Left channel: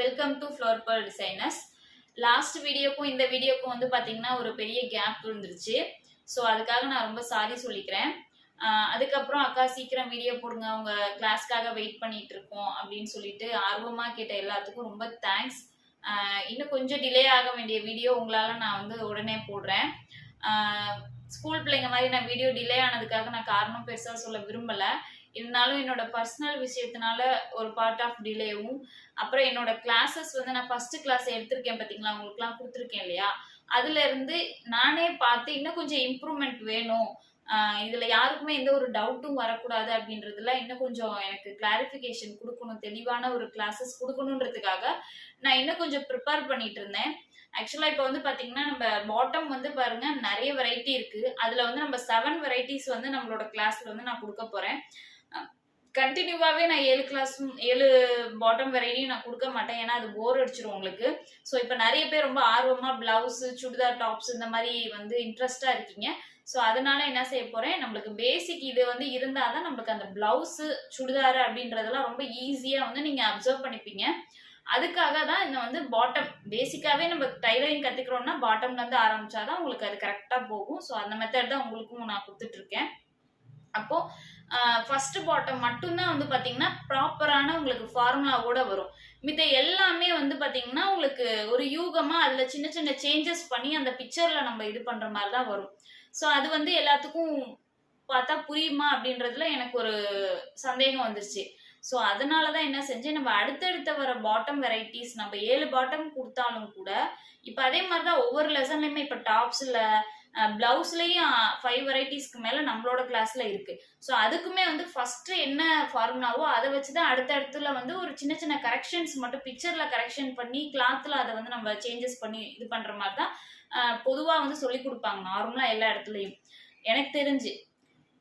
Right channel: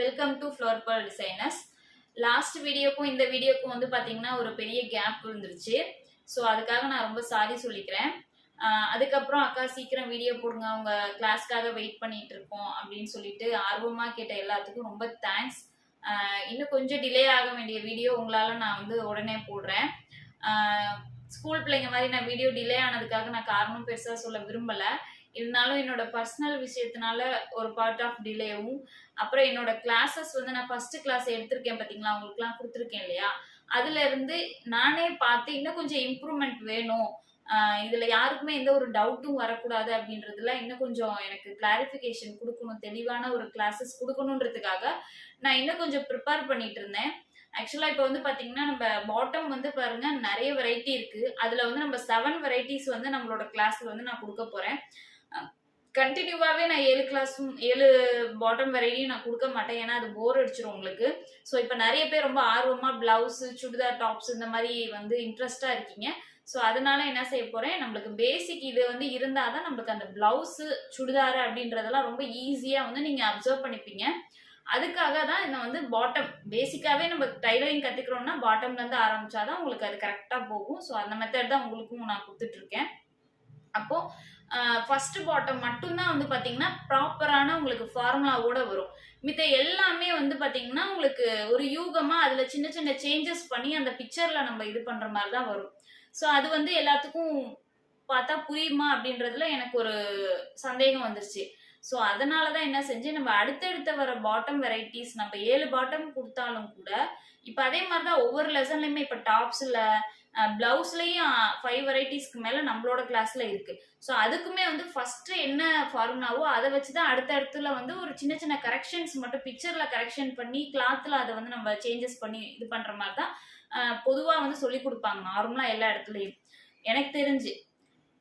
Welcome to flower pearl designers. Last வீடியோக்கும் இந்த வீடியோக்கும் வந்து பார்த்தீங்கன்னா ஒரு பெரிய கேப் இருந்துருச்சு. ஸோ அதுக்காக நான் ரொம்ப சாரி சொல்லிக்கிறேன். அதுக்கப்புறம் அக்கா சீக்கிரம் வீடியோ போடுங்க, அவங்க கிளாஸ்க்காக வெயிட் பண்ணிட்டு இருக்கோம் அப்படின்னு சொல்லிட்டு ஆர்வமாக கேட்ட எல்லாத்துக்கும் ரொம்ப தேங்க்ஸ். இன்னும் கொஞ்சம் டிலே ஆக வேண்டிய வீடியோ உங்களால் நான் வந்து உடனே போடுறேன். ஸ்கூல் பிள்ளைங்க மாதிரி நான் வீடியோ டிலே ஆனதுக்காக நான் காரணம் பெருசாக சொல்ல விரும்பலை. இருந்தாலும் என்னோட பர்சனல் விஷயத்தினால ஒரு பார்ட் ஆஃப் டிலேவும், அப்புறம் என்னோட கிளாஸஸ் வந்து நான் ஃபர்ஸ்ட் கிளாஸ் எடுத்திருக்கேன் பார்த்தீங்களா, உங்களுக்குலாம் கொடுத்துருக்கேன் இல்லையா, அதுல இருந்து நானே பார்த்து இன்னும் கொஞ்சம் இம்ப்ரூவ்மெண்ட் வேணும், இதுல யாருக்குமே எந்த ஒரு டவுட்டும் வரக்கூடாது அப்படின்றதுல இன்னும் கொஞ்சம் எனக்கு கிளாரிஃபிகேஷன் கொடுக்கணும், தெளிவான ஒரு கிளாஸஸ் கொடுக்கணுன்றதுக்காக நான் இன்னும் கொஞ்சம் ப்ரிப்பேர் பண்ணிட்டு இருந்தேன். ஆக்சுவலாக இப்போ வந்து பார்த்தீங்கன்னா நம்ம பாட்டம் வந்து பாருங்க நிறைய வெரைட்டி இருக்கு. அதில் வந்து நம்ம 7 வெரைட்டிஸ் வந்து நம்மளோட கிளாஸ்ல வந்து நான் கொடுக்க போறேன். கண்டினியூவாகவே நான் 7 பாட்டம் வெரைட்டியும் நான் கொடுக்க மாட்டேன், ஏன்னா அது போர் அடிச்சிடும் உங்களுக்கு. ஸோ இப்போ நிறைய பேர் ரொம்ப ஆர்வமாக பிளவுஸ், சுடிதார் டாப்ஸ் இந்த மாதிரி வந்து இன்ட்ரெஸ்டாக இருக்கீங்க. ஸோ அதனால என்ன செய்ய போகிறேன், நம்மளுக்கு பேசிக் இது வந்து இருந்தால் தான் நம்மளுக்கு அந்த பிளவுஸு சுடிதார் அப்படின்றதெல்லாம் ரொம்ப ஈஸியாக வந்து நீங்கள் அப்சர்வ் பண்ணிப்பீங்க. அதுக்காக தான் இந்த வந்து பாட்டம் பேசிக்காகவே நம்ம டைலரிங் கற்றுக்கிறோம்னா பாட்டம்லேருந்து ஆரம்பித்தாதான் உங்களுக்கு அது கரெக்டாக போகும். ஸோ அந்த மெத்தட் தான் உங்களுக்கும் நான் கொடுத்துட்ருக்கேன். அப்போது ஃபர்ஸ்ட் பாட்டம் மட்டும்தான் வந்து பார்த்தீங்கன்னா ப்ராப்பரான உங்களுக்கு ஃபார்முலாவோட வரும். மித்த எல்லாமே வந்து பார்த்தீங்கன்னா உங்களுக்கு ஒரு யூகமாக அதில் சின்ன சின்ன சேஞ்சஸ் பண்ணி அந்த பிக்சரில் நம்ம இது பண்ணுற மாதிரி தான் வரும். ஸோ அது வந்து எல்லாத்துக்கும் பார்த்தா புரியுமா அப்படின்றதுல எனக்கு ஒரு சந்தேகம் வந்துருச்சு. ஸோ அதனால தான் என்ன செஞ்சேன், நம்ம அடுத்தடுத்த வர பாட்டம் வெரைட்டிஸ் நம்ம 7 பாட்டம் கொடுத்தாலும் கூட இப்போ அதே மாதிரி தான் ஒவ்வொரு லெசன்லையுமே இப்போ டாப்ஸில் பிளவுஸ்லையும் 5 வெரைட்டிஸ்க்கு மேலே நம்மளோட கிளாஸ்ல இருக்கு. ஸோ அதுக்குமே வந்து ஃபர்ஸ்ட் என்ன ஃபார்முலாவோ அதை வச்சு தான் அடுத்தடுத்துல வந்து ஒரு சின்ன சின்ன கரெக்ஷன்ஸ் மட்டும் பிக்சர்ல கரெக்ஷன் பண்ணி கிளாத்ல அதை வந்து நம்ம சேஞ்சஸ் பண்ணி இது பண்ற மாதிரி தான் பொதுவாக வந்து சொல்லி கொடுப்பாங்க நார்மலா எல்லா இடத்துலையும் எனக்கு தெரிஞ்சு.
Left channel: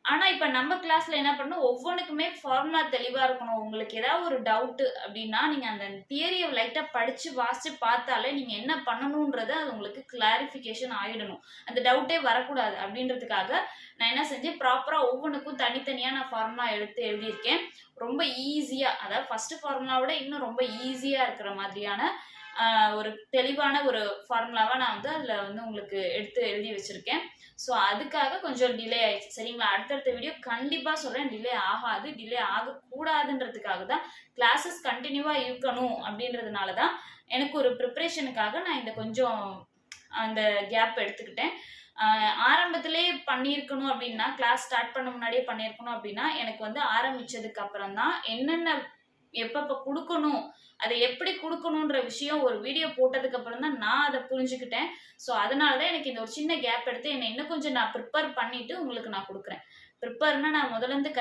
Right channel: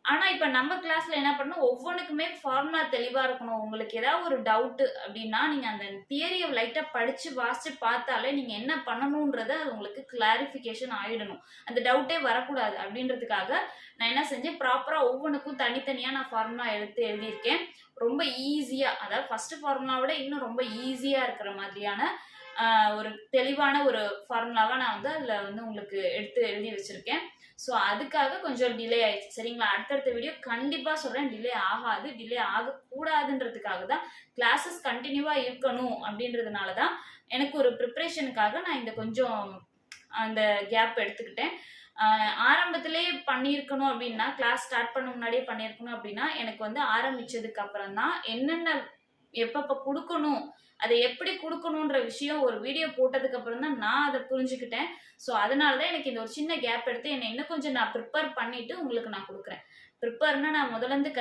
ஆனால் இப்போ நம்ம கிளாஸில் என்ன பண்ணணும், ஒவ்வொன்றுக்குமே ஃபார்முலா தெளிவாக இருக்கணும். உங்களுக்கு ஏதாவது ஒரு டவுட்டு அப்படின்னா நீங்கள் அந்த தியரியை லைட்டாக படித்து வாசித்து பார்த்தாலே நீங்கள் என்ன பண்ணணுன்றது அது உங்களுக்கு கிளாரிஃபிகேஷன் ஆகிடணும். அந்த டவுட்டே வரக்கூடாது அப்படின்றதுக்காக நான் என்ன செஞ்சேன், ப்ராப்பராக ஒவ்வொன்றுக்கும் தனித்தனியாக நான் ஃபார்முலா எழுதியிருக்கேன். ரொம்ப ஈஸியாக, அதாவது ஃபஸ்ட்டு ஃபார்முலாவோட இன்னும் ரொம்ப ஈஸியாக இருக்கிற மாதிரியான ஒரு தெளிவான ஒரு ஃபார்முலாவாக நான் வந்து அதில் வந்து உங்களுக்கு எழுதி வச்சுருக்கேன். ஸோ அதுக்காக கொஞ்சம் டிலே ஆயிடுச்சு, சரிங்களா. அடுத்தடுத்த வீடியோ கண்டிப்பாக சொல்கிறேன், டிலே ஆகாது, டிலே ஆகக்கூடாதுன்றதுக்காக தான் கிளாஸஸ் கண்டினியூவாக இருக்கணும் அப்படின்றதுனால தான் எனக்கு ஒரு ப்ரிப்ரேஷனுக்காக நான் இந்த கொஞ்சம் அந்த கேப் எடுத்துக்கிட்டேன். ஆரம்பத்திலே பண்ணியிருக்கணும் அப்படின்னா, கிளாஸ் ஸ்டார்ட் பண்ண முன்னாடியே பண்ணியிருக்கணும் அப்படின்னா எனக்கு வந்து ஆரம்பித்ததுக்கு அப்புறம் தான் என்னென்ன எப்பப்போ கொடுக்கணும், அதை எப்படி கொடுக்கணுன்ற விஷயம் ஒரு வீடியோ போட்டதுக்கு அப்புறம் தான் நான் அதை புரிஞ்சுக்கிட்டேன். ஸோ அதனால தான் எனக்கு இந்த ஒரு சின்ன கேப் எடுத்து என்னை இன்னும் கொஞ்சம் நான் ப்ரிப்பேர் பண்ணிட்டு உங்களுக்கு நான் கொடுக்குறேன். ப்ரிப்பேர்னா நான் முதலேருந்து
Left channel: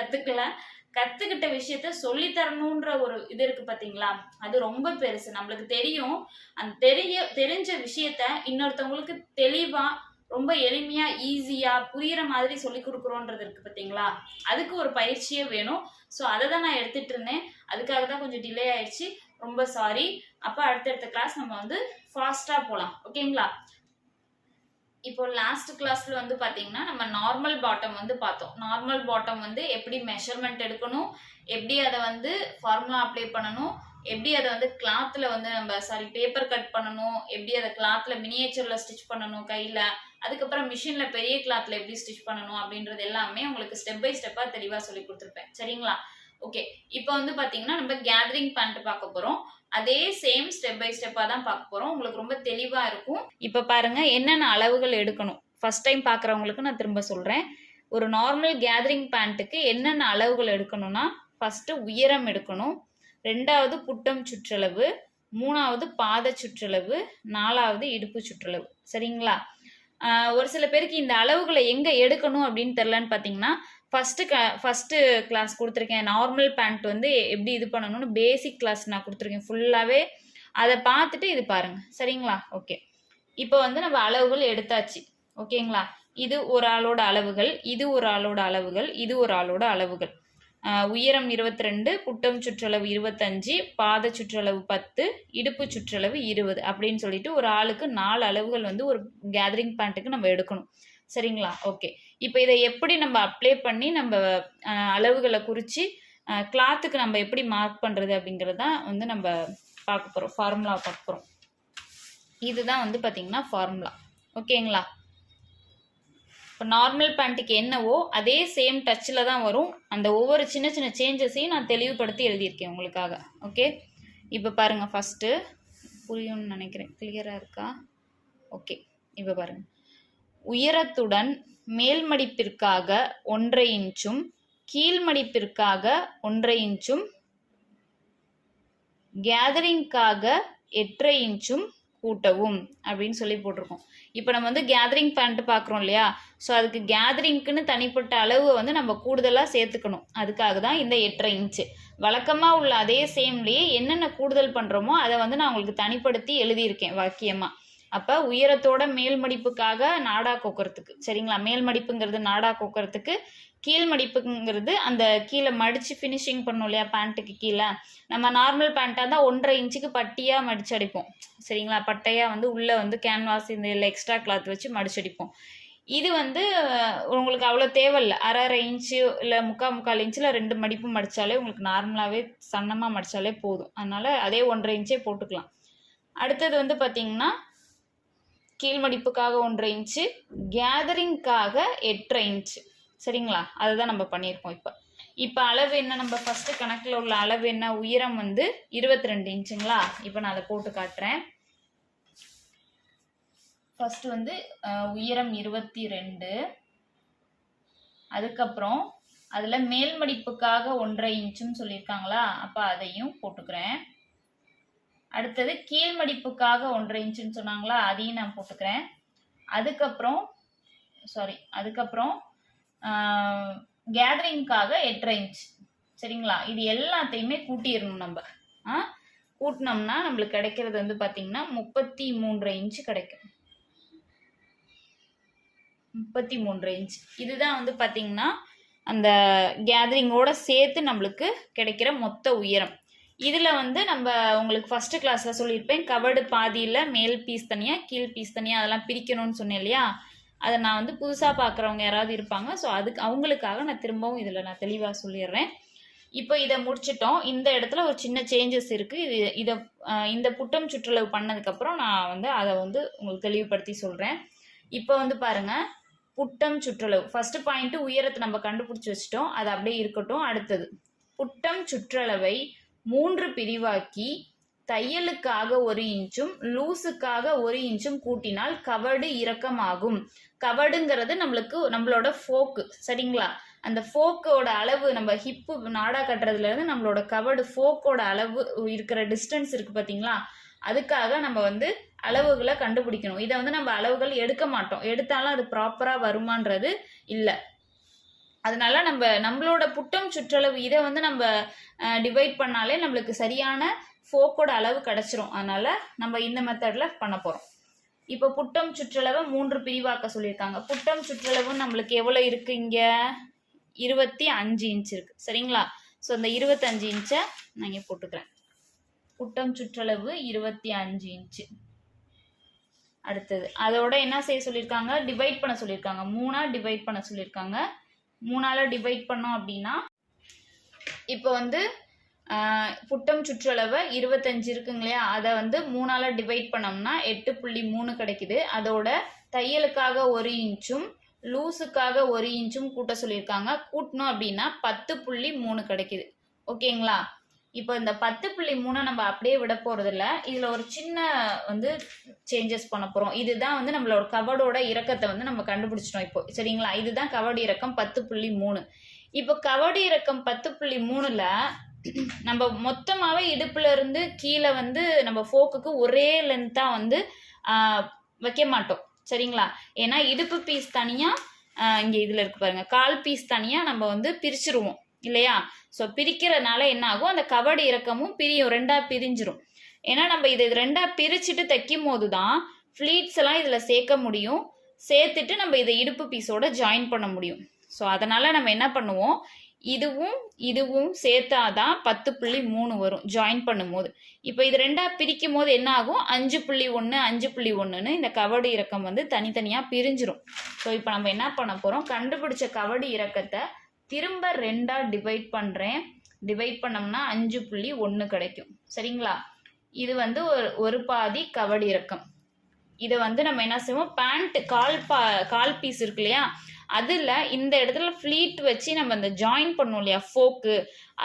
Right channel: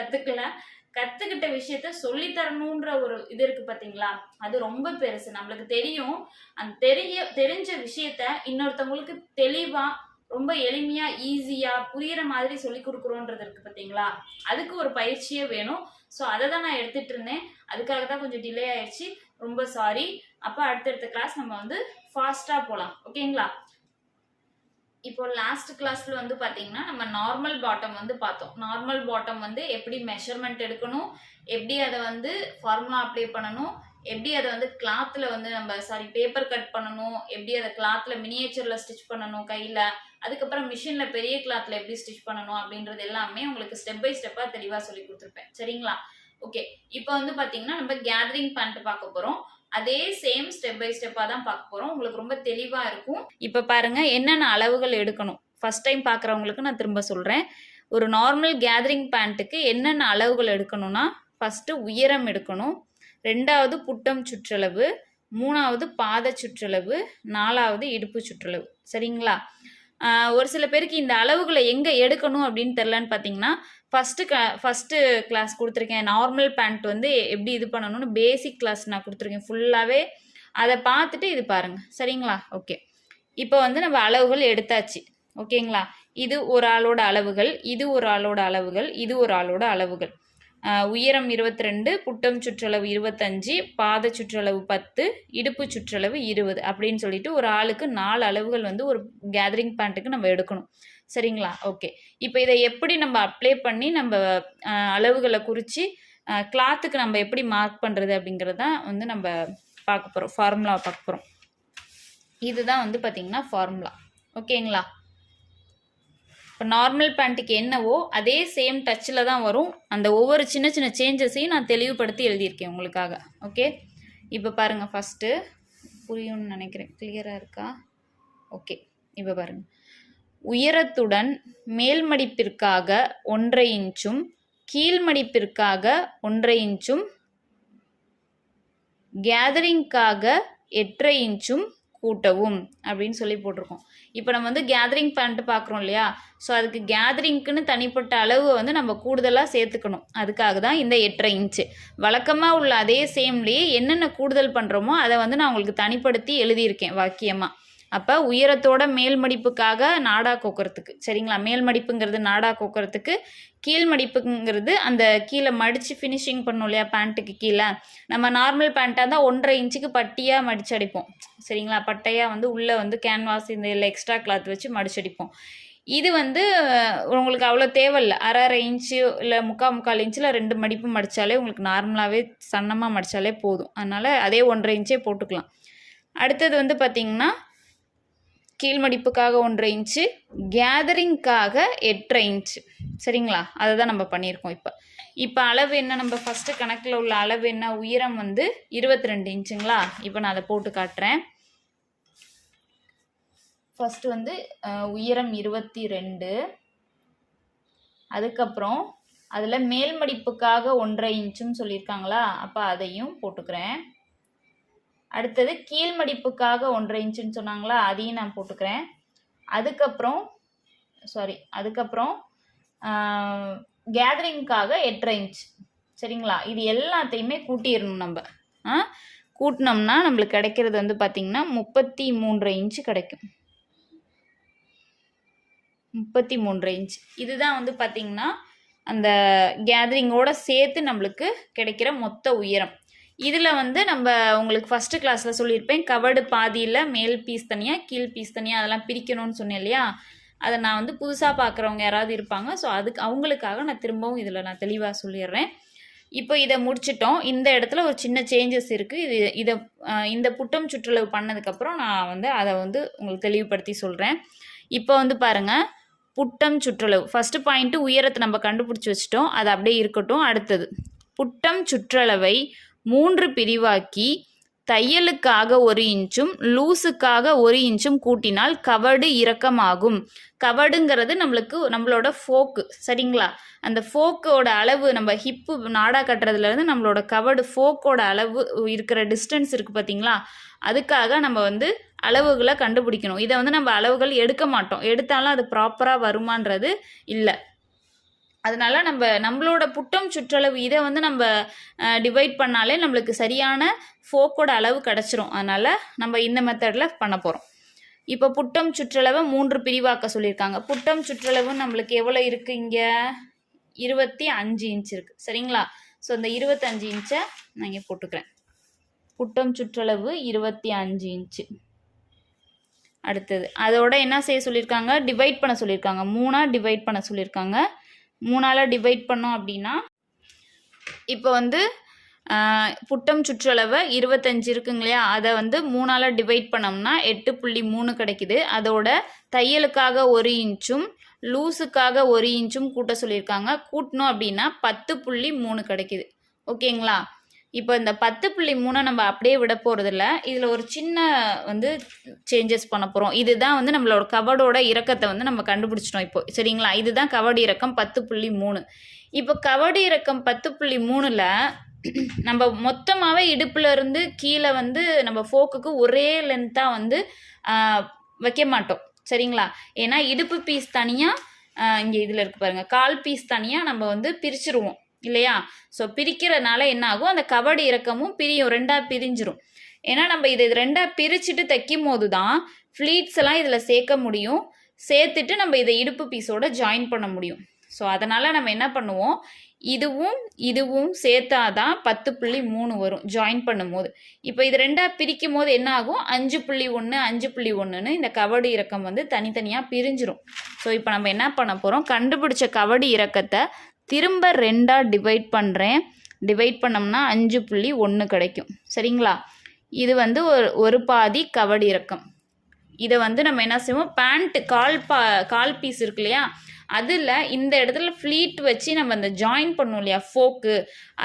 கற்றுக்கிட்ட விஷயத்த சொல்லித்தரணுன்ற ஒரு இது இருக்கு பார்த்தீங்களா, அது ரொம்ப பெருசு. நம்மளுக்கு தெரியும், அந்த தெரிஞ்ச விஷயத்த இன்னொருத்தவங்களுக்கு தெளிவாக ரொம்ப எளிமையாக ஈஸியாக புரிகிற மாதிரி சொல்லி கொடுக்குறோன்றது இருக்குது பார்த்தீங்களா, அதுக்கு ஒரு பயிற்சியே வேணும். ஸோ அதை தான் நான் எடுத்துகிட்டு இருந்தேன், அதுக்காக தான் கொஞ்சம் டிலே ஆயிடுச்சு, ரொம்ப சாரி. அப்போ அடுத்தடுத்த கிளாஸ் நம்ம வந்து ஃபாஸ்ட்டாக போகலாம், ஓகேங்களா. இப்போ லாஸ்ட் கிளாஸ்ல வந்து பார்த்தீங்கன்னா நம்ம நார்மல் பாட்டம் வந்து பார்த்தோம். நார்மல் பாட்டம் வந்து எப்படி மெஷர்மெண்ட் எடுக்கணும், எப்படி அதை வந்து ஃபார்முலா அப்ளை பண்ணணும், எப்படி அதை வந்து கிளாத்தில் வந்து நம்ம பேப்பர் கட் பண்ணணும், எப்படி அதை கிளாத்தில் மினியேச்சரில் ஸ்டிச் பண்ணணும் கையில், அதுக்கப்புறம் மிஷினில் பெரிய கிளாத்தில் எப்படி ஸ்டிச் பண்ணணும் அப்படின்றது எல்லாமே உங்களுக்கு ஸ்டெப் பை ஸ்டெப்பாக தெளிவாக சொல்லி கொடுத்துருப்பேன், சரிங்களா. ஓகே, இப்போ வந்து பார்த்தீங்கன்னா நம்ம கேதரிங் பேண்ட் பார்க்க போகிறோம். அதே சேம் ஸ்டெப் பை ஸ்டெப்பாக தான் பார்க்க போகிறோம், உங்களுக்கு ரொம்ப தெளிவாக இருக்கும். இப்போ பாருங்க என்னென்ன அளவுகள் எடுக்கணும், ஃபர்ஸ்ட் டைம் பார்க்குறவங்களுக்கு நான் திரும்ப சொல்கிறேன். ஒரு நார்மல் கேதரிங் பேண்ட்டுக்கு என்னென்ன அளவுகள் எடுக்கணும்னா, ஃபஸ்ட்டு உயரம் எடுக்கணும், 2வது புட்டம் சுற்றளவு, 3வது பாத சுற்றளவு, 4வது இடுப்பு சுற்றளவு, சரிங்களா. ஒரு சில பேருக்கு இந்த அளவுகளை எங்கே எடுக்கணும் அப்படின்னு தெரிலன்னு பார்த்தீங்கன்னா, ஃபஸ்ட்டு கிளாஸ் கொடுத்துருக்கேன், நார்மல் பேண்ட் வந்து எப்படி இது பண்ணணும்னு பேசிக் கிளாஸ் நான் கொடுத்துருக்கேன் ஃபுல்லாகவே, அதை பார்த்துட்டு இது பாருங்கள், சரிங்களா. ஓகே, இப்போ வந்து நம்ம அளவுகள் எடுத்தாச்சு, ஓகேங்களா. இது ஒரு ஆளோட அளவுகள், இது ஒரு ஆளோட அளவுகள், இது ஒரு ஆளோட அளவுகள். உயரம் 22, புட்டம் சுற்றளவு 25, பாத சுற்றளவு 10, இடுப்பு சுற்றளவு 20 அப்படின்னு சொல்லிட்டு ஒரு ஆளுக்கு 4 அளவுகள் வந்து ஒரு கேதரிங் பேண்ட்டுக்கு நம்ம எடுக்கணும், சரிங்களா. ஓகே, இப்போ இதை எப்படி நம்ம அப்ளை பண்ணி நம்ம அளவுகளை குறித்து கிளாத்துக்கு நம்ம எப்படி மார்க் பண்ணுறது அப்படிங்கிறது தான் வந்து நம்ம பார்க்க போகிறோம், ஃபார்முலா பார்க்க போகிறோம். இதுதான் வந்து பார்த்திங்கன்னா ஃபார்முலா. ஓகேங்களா? இப்போ நார்மல் பேண்ட்டுக்கு என்னவோ அதே சேம் டச்சில் தான் வரும். அந்த ஒவ்வொரு சின்ன சின்ன சேஞ்சஸையும் நான் தெளிவுபடுத்தி எழுதியிருக்கேன் உங்களுக்காக. ஓகே, இப்போ பாருங்கள், ஃபஸ்ட்டு புரியும்னு நினைக்கிறேன். கிளியராக இருக்கா? ஓகே, இப்போ பாருங்கள். உயரத்துடன் மேல் மடிப்பிற்காக 1.5 இன்ச்சும் கீழ் மடிப்பிற்காக 1.5 இன்ச்சும் கேதரிங்காக 8.5 இன்ச்சும் கூட்டவும் அப்படின்னு சொல்லி போட்டிருக்கோம். இப்போ நம்ம வந்து கேதரிங் பேண்ட் பார்க்குறோம் இல்லையா? ஸோ அதுக்கு கேதரிங்க்குன்னு தனிப்பட்ட அளவு வந்து நம்ம கூடுதலாக சேர்த்துக்கணும். அதுக்காக தான் இந்த 8.5 இன்ச்சு. வழக்கமாக உள்ள அதே சேம்லேயே என்னென்ன கூடுதல் பண்ணுறோமோ அதை வந்து நான் உங்களுக்கு தனிப்படுத்தி எழுதியிருக்கேன் வாக்கியமாக. அப்போ உயரத்தோட மேல் மடிப்புக்காக நாடா கோக்கிறதுக்கு, சரிங்களா? மேல் மடிப்புங்கிறது நாடா கோக்கிறதுக்கு, கீழ் மடிப்புங்கிறது அந்த கீழே மடித்து ஃபினிஷிங் பண்ணோம் இல்லையா பேண்ட்டுக்கு கீழே. நம்ம நார்மல் பேண்ட்டாக இருந்தால் 1.5 இன்ச்சுக்கு பட்டியாக மடிச்சடிப்போம், சரிங்களா? பட்டையாக வந்து உள்ளே வந்து கேன்வாஸ் இந்த இல்லை எக்ஸ்ட்ரா கிளாத் வச்சு மடிச்சடிப்போம். இது வந்து உங்களுக்கு அவ்வளோ தேவையில்லை. 1/2 இன்ச்சு இல்லை 3/4 இன்ச்சில் 2 மடிப்பு மடித்தாலே உங்களுக்கு நார்மலாகவே சன்னமாக மடித்தாலே போதும். அதனால் அதே 1.5 இன்ச்சே போட்டுக்கலாம். அடுத்தது வந்து பார்த்திங்கன்னா கீழ் மடிப்புக்காக 1.5 இன்ச்சு, கேதரிங்காக 8.5 இன்ச்சு, சரிங்களா? அதுதான் நம்ம பண்ணியிருக்கோம். இப்போ அளவு என்ன, நம்ம ஃபஸ்ட்டு கணக்கில் உள்ள அளவு என்ன, உயரம் வந்து 22 இன்ச்சுங்களா? இப்போ நான் அதை போட்டு காட்டுறேன். ஃபஸ்ட்டு வந்து உயரம் 22, அதுக்கப்புறம் அதில் மேல் மடிப்புக்காக 1.5 இன்ச்சுன்னு சொல்லியிருக்காங்களா? அப்போ அதையும் போட்டுக்கிறேன். அடுத்தது கீழ் மடிப்புக்காக 1.5 இன்ச்சுன்னு சொன்னாங்களா? அதையும் நான் போட்டுக்கிறேன். அதுக்கப்புறம் கேதரிங்காக 8.5 இன்ச், சரிங்களா? இது எல்லாத்தையுமே கூட்டிடணும் நம்ம. கூட்டினோம்னா நம்மளுக்கு கிடைக்கிறது வந்து பார்த்திங்கன்னா 33.5 இன்ச்சு கிடைக்கும். 33.5 இன்ச். இதுதான் வந்து பார்த்திங்கன்னா அந்த கேதரிங்கோட சேர்த்து நம்மளுக்கு கிடைக்கிற மொத்த உயரம். இதில் வந்து நம்ம உங்களுக்கு ஃபஸ்ட்டு கிளாஸில் சொல்லியிருப்பேன், கவர்டு பாதியில் மேல் பீஸ் தனியாக கீழ் பீஸ் தனியாக அதெல்லாம் பிரிக்கணும்னு சொன்னேன் இல்லையா? அதை நான் வந்து புதுசாக பார்க்குறவங்க யாராவது இருப்பாங்க, ஸோ அதுக்கு அவங்களுக்காக நான் திரும்பவும் இதில் நான் தெளிவாக சொல்லிடுறேன். இப்போ இதை முடிச்சிட்டோம். இந்த இடத்துல ஒரு சின்ன சேஞ்சஸ் இருக்குது. இந்த புட்டம் சுற்றளவு பண்ணதுக்கப்புறம் நான் வந்து அதை வந்து உங்களுக்கு தெளிவுபடுத்தி சொல்கிறேன். இப்போ வந்து பாருங்கள், புட்டம் சுற்றளவு ஃபஸ்ட்டு பாயிண்ட்டு உயரத்தை நம்ம கண்டுபிடிச்சி வச்சிட்டோம், அது அப்படியே இருக்கட்டும். அடுத்தது புட்டம் சுற்றளவை 3 பிரிவாக்கி தையலுக்காக 1 இன்ச்சும் லூஸுக்காக 1 இன்ச்சும் கூட்டினால் கவடு இறக்கமாகும். கவடுங்கிறது நம்மளோட ஃபோக்கு, சரிங்களா? அந்த ஃபோக்கோட அளவு நம்ம ஹிப்பு நாடா கட்டுறதுலேருந்து நம்மளோட கவடு ஃபோக்கோட அளவு இருக்கிற டிஸ்டன்ஸ் இருக்குது பார்த்தீங்களா? அதுக்காக நம்ம வந்து அளவுகளை கண்டுபிடிக்கணும். இதை வந்து நம்ம அளவுகள் எடுக்க மாட்டோம், எடுத்தாலும் அது ப்ராப்பராக வருமானது இல்லை. அதனால நம்மளோட புட்டம் சுற்றளவு இதை வந்து நம்ம டிவைட் பண்ணாலே நம்மளுக்கு சரியான ஃபோக்கோட அளவு கிடச்சிரும். அதனால் நம்ம இந்த மெத்தடில் பண்ண போகிறோம். இப்போ புட்டம் சுற்றளவை 3 பிரிவாக்க சொல்லியிருக்காங்க. புட்டம் சுற்றளவு நம்மளுக்கு எவ்வளோ இருக்குது? இங்கே 25 இன்ச் இருக்குது, சரிங்களா? ஸோ இந்த 25 இன்ச்சை நான் இங்கே போட்டுக்கிறேன். புட்டம் சுற்றளவு 25 இன்ச்சு. அடுத்தது அதோட என்ன செய்ய சொல்லியிருக்காங்க? டிவைட் பண்ண சொல்லியிருக்காங்க. 3ஆக டிவைட் பண்ண சொல்லியிருக்காங்க. 3ஆல் டிவைட் பண்ணோம் அப்படின்னா இப்போ வந்து புட்டம் சுற்றளவை 25 இருக்குங்க இல்லையா? அதை வந்து 3ஆல் டிவைட் பண்ணோம்னா 8.3 கிடைக்குது. அதோட தையலுக்காக 1 இன்ச்சும் லூஸுக்காக 1 இன்ச்சும் கூட்ட சொல்லியிருக்காங்க. கூட்டணும் அப்படின்னா 10.3 கிடைக்குது. ஓகேங்களா? இப்போ இந்த 10.3 நம்ம அப்படியே விட போகிறதில்ல. இதில் ஒரு சின்ன வந்து சேஞ்சஸ் பண்ண போகிறோம். இதுதான் வந்து நம்மளோட கவடோட இறக்கத்தை வந்து நம்ம கண்டுபிடிச்சிட்டோம் இப்போ, சரிங்களா? இதுதான் கவடு இறக்கம் 10.3. இப்போ கவடு இறக்கம் 10.3ல் நம்ம மொத்தமாகவே இடுப்புல இருந்து கீழே வந்து நம்ம ஃபோக்குக்கு ஒரே லென்த்தாக வந்து வைக்க மாட்டோம், சரிங்களா? ஏன்னா இடுப்பு பீஸ் தனியாக இங்கே இதில் இருக்குது பாருங்கள், கால் பீஸ் தனியாக நம்ம வந்து பிரிச்சுருவோம் இல்லையா? ஸோ பிரிக்கிறதுனால என்ன ஆகும்? அந்த கவடு இறக்கமும் பிரியும், 2ஆக பிரிஞ்சிரும். ஏன்னா நம்ம இது 2ஆக பிரிச்சுட்டு தைக்கும் போது தான் ஃப்ளீட்ஸ் எல்லாம் இதில் சேர்க்க முடியும். சேர்த்துட்டு நம்ம இதை இடுப்பு பீஸோட ஜாயின் பண்ண முடியும். ஸோ அதனால் நம்ம என்ன பண்ணுவோம், இதுவும் சேர்த்தாதான் 10.3 வரும் ஜாயின் பண்ணும்போது. இப்போ இது 2ஆக பிரிக்கும் போது என்ன ஆகும்? 5.1 5.1ன்னு இந்த கவடு இறக்கம் வந்து தனித்தனியாக பிரிஞ்சிரும். ஸோ இப்போ நம்ம என்ன பண்ண போகிறோம், கண்டுபிடிச்ச கவடு இறக்கத்தை திரும்ப 2ஆக டிவைட் பண்ணுறேன். டிவைட் பண்ணோம்னா 5.1 கிடைக்கும், சரிங்களா? இது வந்து ஒரு பாதி கவடு இறக்கம். இதை வந்து நம்ம என்ன செய்வோம், பேண்ட் கால் பீஸ் இருக்கு இல்லையா, அதில் இந்த இடத்துல ஃப்ளீட் வச்சு நம்ம இந்த ஜாயின் பண்ணோம் இல்லையா ஃபோக்கு,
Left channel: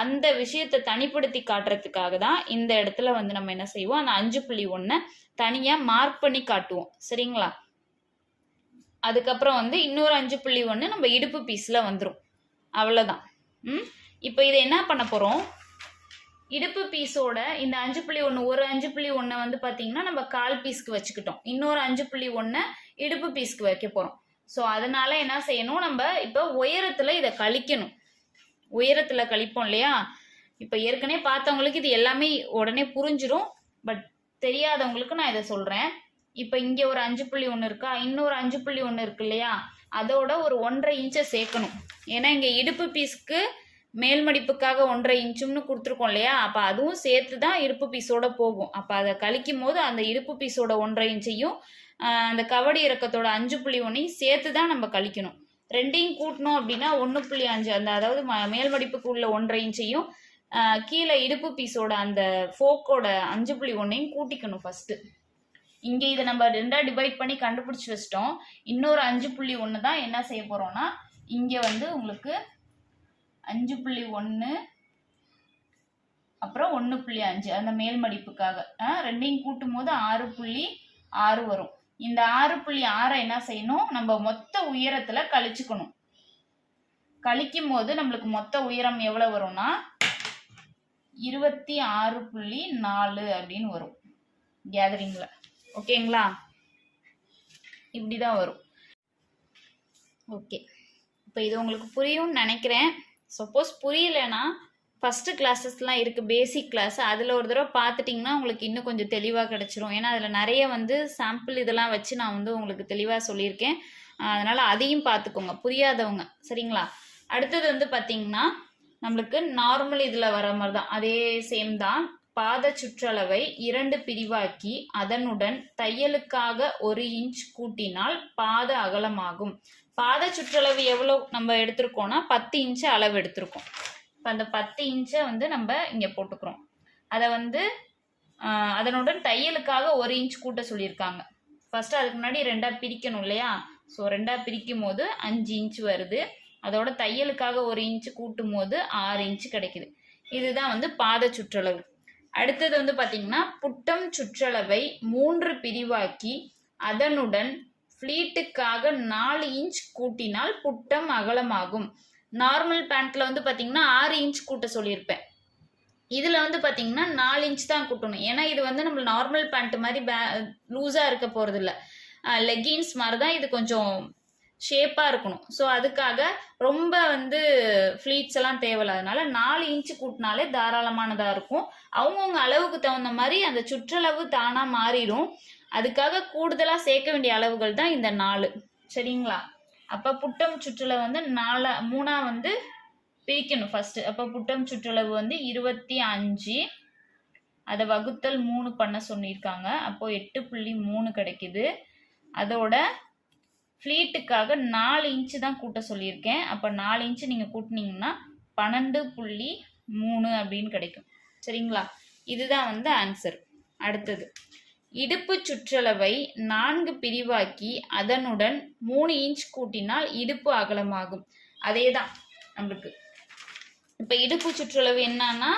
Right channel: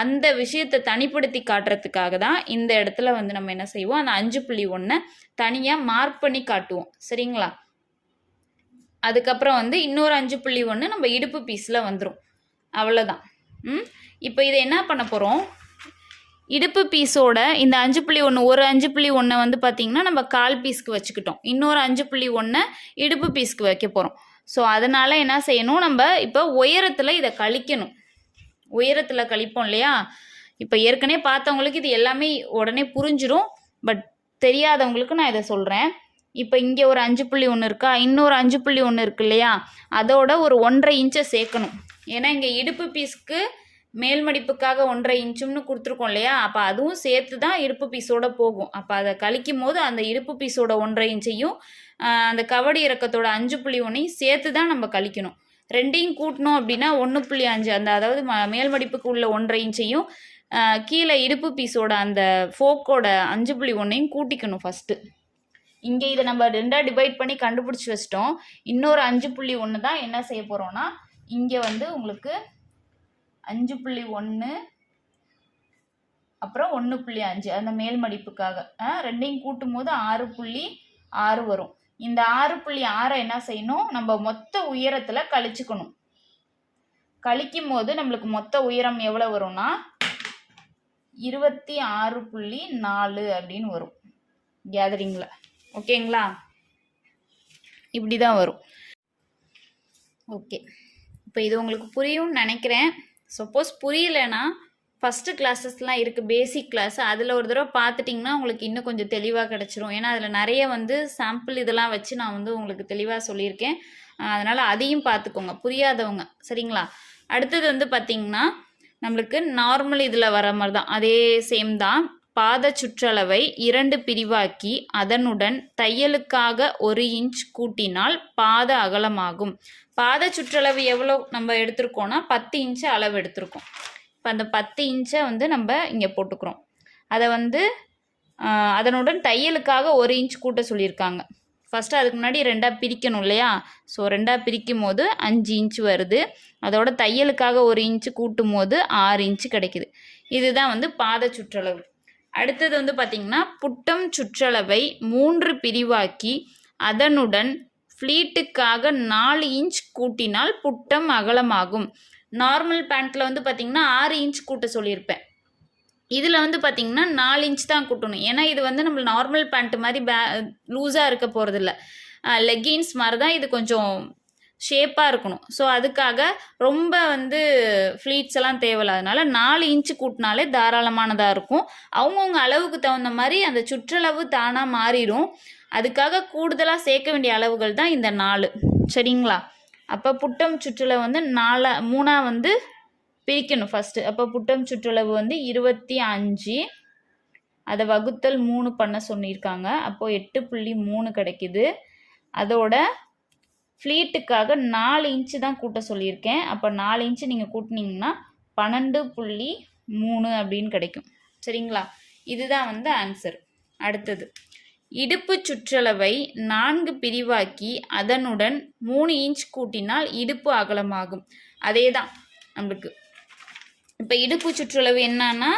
அந்த விஷயத்தை தனிப்படுத்தி காட்டுறதுக்காக தான் இந்த இடத்துல வந்து நம்ம என்ன செய்வோம், அந்த 5.1 தனியாக மார்க் பண்ணி காட்டுவோம். சரிங்களா? அதுக்கப்புறம் வந்து இன்னொரு 5.1 நம்ம இடுப்பு பீஸில் வந்துடும். அவ்வளோதான். இப்போ இதை என்ன பண்ண போகிறோம், இடுப்பு பீஸோட இந்த 5.1 ஒரு 5.1 வந்து பார்த்திங்கன்னா நம்ம கால் பீஸ்க்கு வச்சுக்கிட்டோம், இன்னொரு 5.1 இடுப்பு பீஸ்க்கு வைக்க போகிறோம். ஸோ அதனால் என்ன செய்யணும், நம்ம இப்போ உயரத்தில் இதை கழிக்கணும். உயரத்தில் கழிப்போம் இல்லையா, இப்போ ஏற்கனவே பார்த்தவங்களுக்கு இது எல்லாமே உடனே புரிஞ்சிடும், பட் தெரியாதவங்களுக்கு நான் இதை சொல்கிறேன். இப்போ இங்கே ஒரு 5.1 இருக்கா, இன்னொரு 5.1 இருக்கு இல்லையா, அதோட ஒரு 1.5 இன்ச்சை சேர்க்கணும். ஏன்னா இங்கே இடுப்பு பீஸ்க்கு மேல் மடிப்புக்காக 1.5 இன்ச்சுன்னு கொடுத்துருக்கோம் இல்லையா, அப்போ அதுவும் சேர்த்து தான் இடுப்பு பீஸோட போகும். அப்போ அதை கழிக்கும் போது அந்த இடுப்பு பீஸோட 1.5 இன்ச்சையும் அந்த கவடு இறக்கத்தோட 5.1ஐயும் சேர்த்து தான் நம்ம கழிக்கணும். ரெண்டையும் கூட்டணும் அப்படின்னா 1.5 அந்த அதாவது மேல் மடிப்புக்கு உள்ள 1.5 இன்ச்சையும் கீழே இடுப்பு பீஸோட அந்த ஃபோக்கோட 5.1ஐயும் கூட்டிக்கணும் ஃபஸ்ட்டு. இங்கே இதை நம்ம 2ஆக டிவைட் பண்ணி கண்டுபிடிச்சி வச்சிட்டோம். இன்னொரு 5.1 தான் என்ன செய்ய போகிறோம்னா, இங்கே வந்து உங்களுக்கு 5.1 அப்புறம் 1.5 அந்த மேல் மடிப்புக்காக ரெண்டையும் கூட்டும் போது 6.6 வரும். இந்த 6.6 என்ன செய்யணும், நம்ம மொத்த உயரத்தில் கழிச்சுக்கணும். கழிக்கும் போது நம்மளுக்கு மொத்த உயரம் எவ்வளோ வரும்னா 26.4 அப்படின்னு வரும் கேதரிங்கில். ஓகேங்களா? இப்படி தான் வரும். ஓகே, இப்போ இது உங்களுக்கு புரியும்னு நினைக்கிறேன். சப்போஸ் புரியலைன்னா ஃபஸ்ட்டு கிளாஸஸ்லாம் இருக்குது, பேசிக் கிளாஸ், அதில் ஒரு தடவை பார்த்துட்டிங்கன்னா உங்களுக்கு இன்னும் கொஞ்சம் தெளிவாக கிடச்சிரும். ஏன்னா அதில் நிறைய வந்து சாம்பிள் இதெல்லாம் வச்சு நான் வந்து உங்களுக்கு தெளிவாக சொல்லியிருக்கேன். அதனால் அதையும் பார்த்துக்கோங்க புரியாதவங்க. சரிங்களா? அடுத்தது வந்து பார்த்திங்கன்னா நம்மளுக்கு நார்மல் இதில் வர மாதிரி தான், அதே சேம் தான். பாத சுற்றளவை 2 பிரிவாக்கி அதனுடன் தையலுக்காக 1 இன்ச் கூட்டினால் பாத அகலமாகும். பாத சுற்றளவு எவ்வளோ நம்ம எடுத்திருக்கோம்னா 10 இன்ச்சு அளவு எடுத்திருக்கோம். இப்போ அந்த 10 இன்ச்சை வந்து நம்ம இங்கே போட்டுக்கிறோம். அதை வந்து அதனுடன் தையலுக்காக 1 இன்ச் கூட்ட சொல்லியிருக்காங்க. ஃபஸ்ட்டு அதுக்கு முன்னாடி 2ஆக பிரிக்கணும் இல்லையா, ஸோ 2ஆக பிரிக்கும் போது 5 இன்ச்சு வருது. அதோட தையலுக்காக 1 இன்ச்சு கூட்டும் போது 6 இன்ச்சு கிடைக்குது. இதுதான் வந்து பாத சுற்றளவு. அடுத்தது வந்து பார்த்திங்கன்னா புட்டம் சுற்றளவை 3 பிரிவாக்கி அதனுடன் ஃப்ளீட்டுக்காக 4 இன்ச் கூட்டினால் புட்டம் அகலமாகும். நார்மல் பேண்ட்டில் வந்து பார்த்திங்கன்னா 6 இன்ச் கூட்ட சொல்லியிருப்பேன். இதில் வந்து பார்த்திங்கன்னா 4 இன்ச் தான் கூட்டணும். ஏன்னா இது வந்து நம்ம நார்மல் பேண்ட் மாதிரி லூஸாக இருக்க போகிறதில்ல, லெகின்ஸ் மாதிரி தான் இது கொஞ்சம் ஷேப்பாக இருக்கணும். ஸோ அதுக்காக ரொம்ப வந்து ஃப்ளீட்ஸ் எல்லாம் தேவையில்லாதனால 4 இன்ச்சு கூட்டினாலே தாராளமானதாக இருக்கும். அவங்கவுங்க அளவுக்கு தகுந்த மாதிரி அந்த சுற்றளவு தானாக மாறிடும். அதுக்காக கூடுதலாக சேர்க்க வேண்டிய அளவுகள் தான் இந்த 4. சரிங்களா? அப்போ புட்டம் சுற்றளவு வந்து 3ஆக வந்து பிரிக்கணும் ஃபஸ்ட்டு. அப்போ புட்டம் சுற்றளவு வந்து 25, அதை வகுத்தல் 3 பண்ண சொல்லியிருக்காங்க. அப்போது 8.3 கிடைக்குது. அதோட ஃப்ளீட்டுக்காக 4 இன்ச்சு தான் கூட்ட சொல்லியிருக்கேன். அப்போ 4 இன்ச்சு நீங்கள் கூட்டினீங்கன்னா 12.3 அப்படின்னு கிடைக்கும். சரிங்களா? இதுதான் வந்து ஆன்சர். அடுத்தது இடுப்பு சுற்றளவை 4 பிரிவாக்கி அதனுடன் 3 இன்ச் கூட்டினால் இடுப்பு அகலமாகும். அதே தான் நம்மளுக்கு. இப்போ இடுப்பு சுற்றளவு என்னன்னா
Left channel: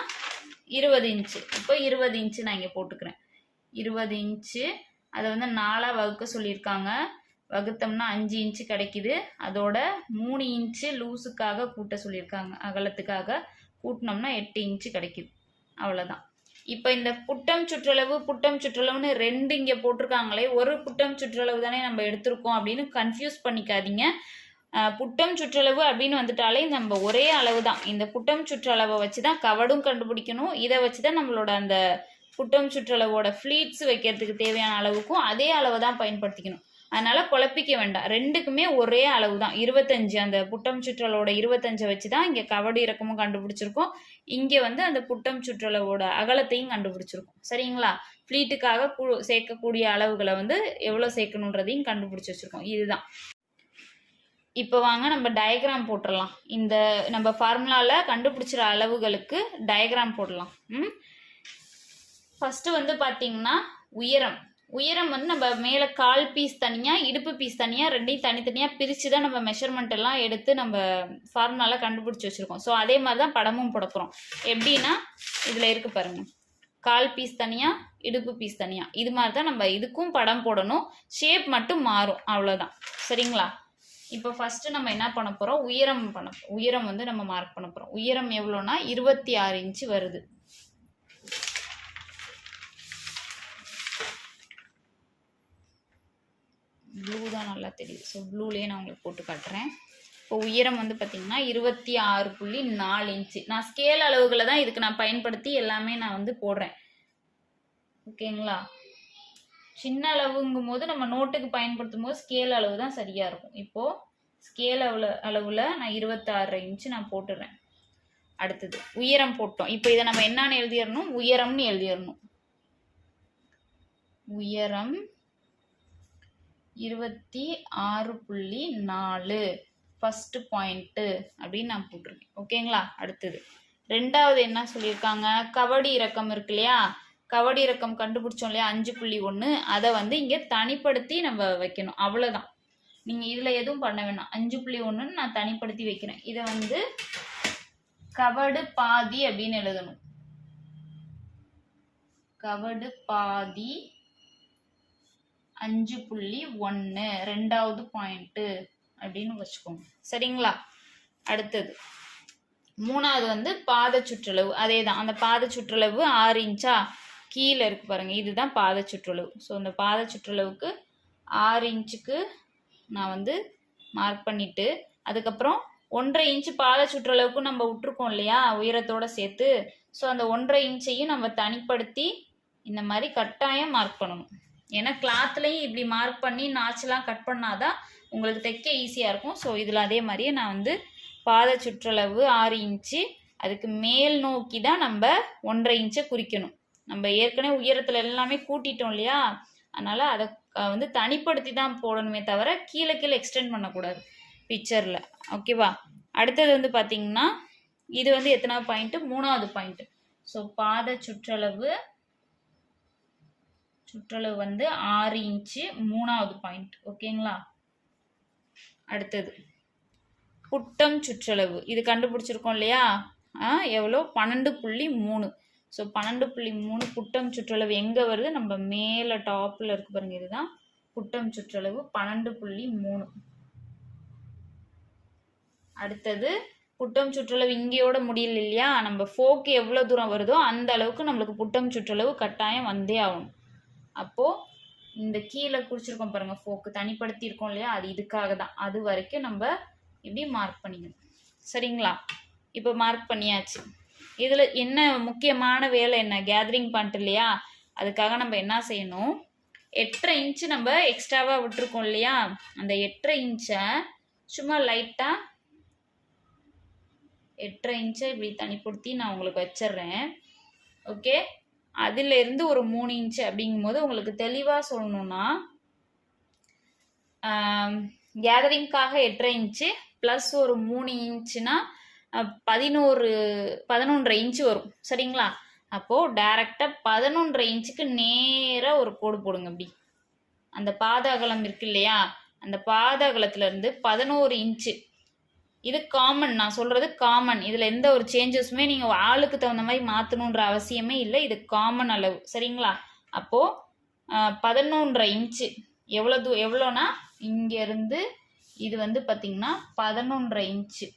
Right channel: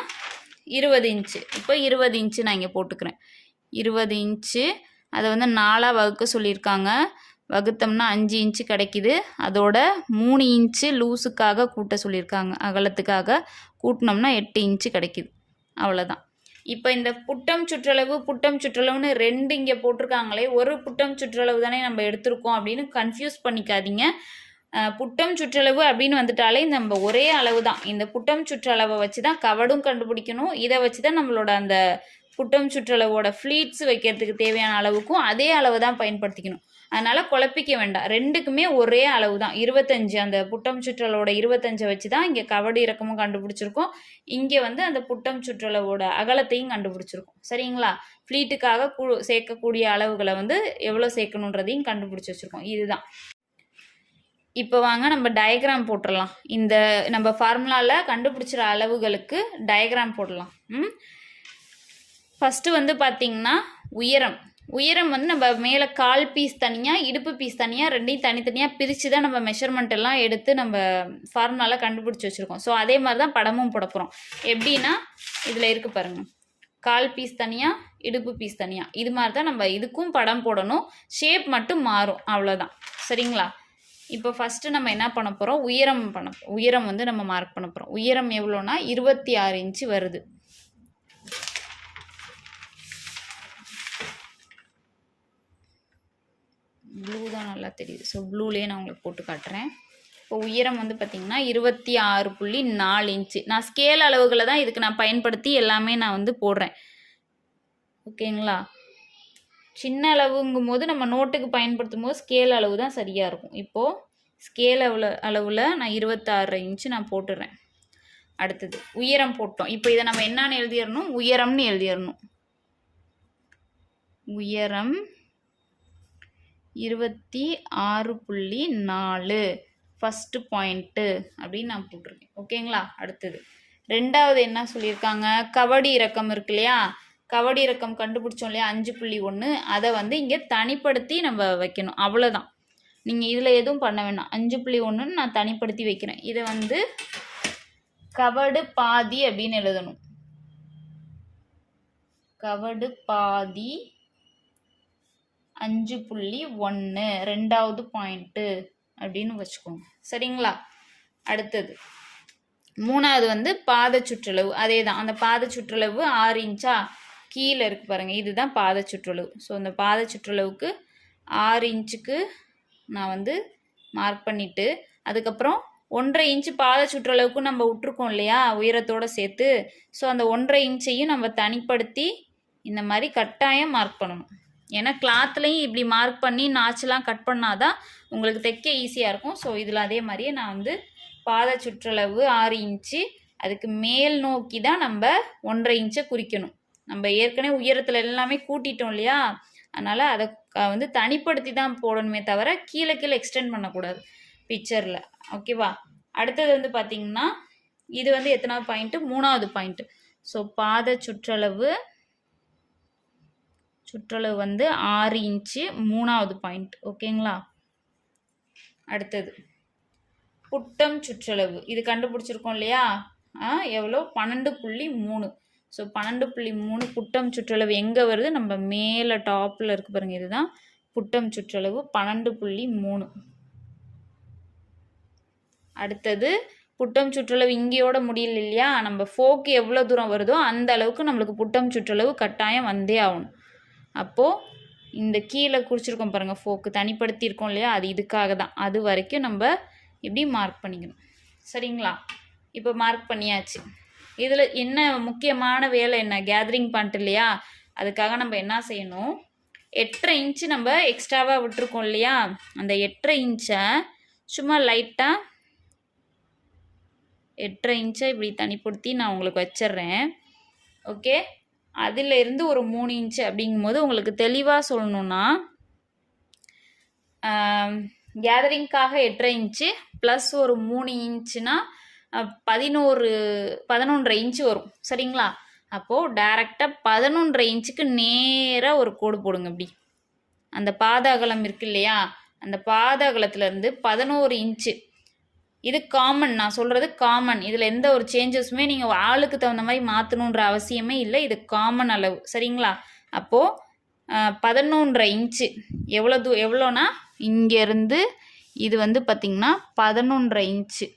20 இன்ச்சு. இப்போ 20 இன்ச்சு நான் இங்கே போட்டுக்கிறேன். 20 இன்ச்சு அதை வந்து 4ஆக வகுக்க சொல்லியிருக்காங்க. வகுத்தோம்னா 5 இன்ச்சு கிடைக்குது. அதோட 3 இன்ச்சு லூஸுக்காக கூட்ட சொல்லியிருக்காங்க, அகலத்துக்காக கூட்டினோம்னா 8 இன்ச்சு கிடைக்குது. அவ்வளோதான். இப்போ இந்த புட்டம் சுற்றளவுன்னு 2 இங்கே போட்டிருக்காங்களே, ஒரு புட்டம் சுற்றளவு தானே நம்ம எடுத்திருக்கோம் அப்படின்னு கன்ஃபியூஸ் பண்ணிக்காதீங்க. புட்டம் சுற்றளவு அப்படின்னு வந்துட்டாலே நம்ம ஒரே அளவு தான். இந்த புட்டம் சுற்றளவை வச்சு தான் கவடும் கண்டுபிடிக்கணும். இதை வச்சு தான் நம்மளோட அந்த புட்டம் சுற்றளவோட ஃப்ளீட்ஸ் வைக்கிறதுக்கு தேவையான அளவுக்கும் அதே அளவு தான் பயன்படுத்திக்கணும். அதனால் குழப்பிக்க வேண்டாம். ரெண்டுக்குமே ஒரே அளவு தான் 25. அந்த புட்டம் சுற்றளவோட 25 வச்சு தான் இங்கே கவடு இறக்கமும் கண்டுபிடிச்சிருக்கோம். இங்கே வந்து அந்த புட்டம் சுற்றளவோட அகலத்தையும் கண்டுபிடிச்சிருக்கோம். சரிங்களா? ஃப்ளீட்டுக்காக சேர்க்கக்கூடிய அளவுகளை வந்து எவ்வளோ சேர்க்கணுன்றதையும் கண்டுபிடிச்சி வச்சுருக்கோம். இதுதான். இப்போ வாங்க நம்ம டயக்ராம் போட்டுடலாம். இந்த நம்ம ஃபார்முலாவில் கண்டுபிடிச்சிற அளவுகளுக்கு டயக்ராம் போடலாம். ஃபஸ்ட்டு வந்து பார்த்திங்கன்னா உயரம் வந்து நம்ம மேலே கால் பீஸ் தனியாக இடுப்பு பீஸ் தனியாக ரெண்டையும் தனித்தனியாக பிரித்து தான் நம்ம மெஷர்மெண்ட் எல்லாம் எடுத்து நம்ம ஃபார்முலாவில் கண்டுபிடிச்சி வச்சுருக்கோம். ஸோ அதே மாதிரி தான் படமும் போட போகிறோம். எப்படின்னா இதில் இருக்குது பாருங்கள், கால் பீஸ் தனியாக இடுப்பு பீஸ் தனியாக, இது மாதிரி தான் நம்ம இதுக்கும் படம் போடணும். ஷேப் மட்டும் மாறும், அவ்வளோதான். சரிங்களா? இப்போ ஃபஸ்ட்டு நம்ம என்ன பண்ண போகிறோம், உயரம் வந்து நம்ம மார்க் பண்ண போகிறோம். உயரம் எவ்வளோனா 26 இன்ச்சு வருது. ப்ளூ தான் நல்லா தெரியுது. ஸோ ப்ளூலேயே நான் உங்களுக்கு போட்டு காட்டுறேன். இப்போ உயரம் வந்து பார்த்திங்கன்னா 26.4 இன்ச்சு. நான் ஸ்கேல் அளவுகளை தான் இதுக்கு நான் பயன்படுத்தி எல்லாமே நான் வந்து போடுறேன். ஓகேங்களா? சின்ன அளவுங்கும் போது நம்ம நோட்டுக்கு பயன்படுத்தும் போது ஸ்கேல் அளவு தான் சரியாக இருக்கும். இப்போது ஸ்கேல் அளவில் நான் 26 இன்ச்சு நான் போட்டுடுறேன். அடுத்தது உயரம் போட்டோம். இப்போ இதை நம்ம என்னன்னு எழுதிடணும், உயரம்னு எழுதிடணும். உயரம் 26.4 ஃபஸ்ட்டு பாயிண்ட்டு அப்படின்னு நான் போட்டிருக்கேன். ஓகேங்களா? அடுத்தது ரெண்டாவது என்ன சொல்லியிருக்காங்க, கவடி இறக்கம் இருக்கு இல்லையா, கவடி இறக்கம் கண்டுபிடிச்சோம் இல்லையா 5.1, அதை வந்து இங்கே தனிப்படுத்தி நம்ம வைக்கணும். அவ்வளோதான். நீங்கள் இதில் எதுவும் பண்ண வேணாம். 5.1 நான் தனிப்படுத்தி வைக்கிறேன். இதை வந்து கவடு பாதி அப்படின்னு எழுதணும். கவடு பாதி 5.1 ரெண்டாவது பாயிண்ட்டு அப்படின்னு வச்சுக்கோங்க. சரிங்களா? அடுத்தது மூணாவது வந்து பாத சுற்றளவு. அதே தான், அந்த பாத சுற்றளவு 6 இன்ச்சா கீழே இருக்குது பாருங்கள், இதுதான் பாத சுற்றளவு. ஸோ இந்த பாத சுற்றளவுக்கு 6 இன்ச்சுக்கு நான் வந்து மார்க் பண்ணிவிட்டு, அதுக்கப்புறம் 1.5 இன்ச்சு பாத சுற்றளவுக்கு நம்ம விட்டுருக்கோம் இல்லையா உயரத்தோடு சேர்த்து. ஸோ அந்த 1.5 இன்ச்சையும் நம்ம தனிப்படுத்தி இந்த மாதிரி கட்டாயம் மார்க் பண்ணணும். ஏன்னா கிளாத்லேயும் இப்படி மார்க் பண்ணி நாச்செலாம் கட் பண்ணாதான் உங்களுக்கு தைக்க ஈஸியாக இருக்கும். ஸோ இதில் அதே மாதிரியே நான் வந்து பாத சுற்றளவு 6 இன்ச்சு, அதுக்கு மேல் நோக்கி தான் நம்ம 1.5 இன்ச்சை குறிக்கணும். நம்ம ஏற்கனவே உயரத்தில் எல்லாமே கூட்டிட்டோம் இல்லையா, அதனால் அதை வந்து தனிப்படுத்தி தான் போடணுமே தவிர கீழே எக்ஸ்டெண்ட் பண்ணக்கூடாது பிக்சரில். ஓகேவா? அடுத்தது வந்து பார்த்திங்கன்னா இது வந்து எத்தனாவது பாயிண்ட்டு, 3வது பாயிண்ட்டு. ஸோ பாத சுற்றளவு வந்து 6 இன்ச்சு 3வது பாயிண்ட். ஓகேங்களா? அடுத்தது புட்டம் சுற்றளவு, இது கண்டுபிடிச்சிருக்கோம் இல்லையா, எவ்வளோ 12.3. ஸோ 12.3 புட்டம் சுற்றளவு எங்கே வருது, நம்ம மேலே டாப்பில் இருக்கு பாருங்கள், இதுதான் புட்டம் சுற்றளவு 12.3. அடுத்தது புட்டம் சுற்றளவு இங்கேயோட முடியல இல்லையா, நம்ம ஃபோக்கு எவ்வளோ தூரம் வருதோ அந்த அளவுக்கு நம்மளுக்கு புட்டம் சுற்றளவு கட்டாயம் வந்தே ஆகணும். அப்போது இந்த கீழே குறிச்சிருக்கோம் பாருங்கள், ஃபோக்கு தனிப்படுத்தியிருக்கோம் இல்லையா, அது இதுக்காக தான். அது வரைக்கும் நம்ம இப்படி மார்க் பண்ணிக்கணும். சரிங்களா? இப்போ மார்க் பண்ணியாச்சு. இதில் என்ன முக்கியமான வேலை என்ன, கேதரிங் பாயிண்ட் இல்லையா, அதுக்காக நம்ம என்ன செய்யணும், 8.5 இன்ச்சு நம்ம எக்ஸ்ட்ராவாக விட்டுருக்கோம் இல்லையா, அந்த 8.5 இன்ச்சை சும்மா லைட்டாக 8.5 இன்ச்சை இப்படி தனிப்படுத்தி நான் உங்களுக்கு வச்சிட்றேன். ஓகே? அதிலிருந்து ஒரு 3 இன்ச்சு அப்படிங்கும்போது உங்களுக்கு தெளிவாக சொல்லணுன்னா, கேதரிங்காக 8.5 இன்ச்சு ப்ளஸ் ஒரு 3 இன்ச்சுனா 11.5 இன்ச்சு வரும். சரிங்களா? அப்போது டைரெக்டாக 11.5 இன்ச்சுக்கு நேராக ஒரு கோடு போடுங்க. இப்படி அந்த பாத அகலம் இருக்கு இல்லையா, அந்த பாத அகலத்துலேருந்து 11 இன்ச்சு, இது காமன், நான் சொல்கிறது காமன். இதில் எந்த ஒரு சேஞ்சஸுமே நீங்கள் ஆளுக்கு தகுந்த மாதிரி மாற்றணுன்ற அவசியமே இல்லை. இது காமன் அளவு. சரிங்களா? அப்போது 11.5 இன்ச்சு எவ்வளோனா இங்கேருந்து இது வந்து பார்த்திங்கன்னா 11.5 இன்ச்சு.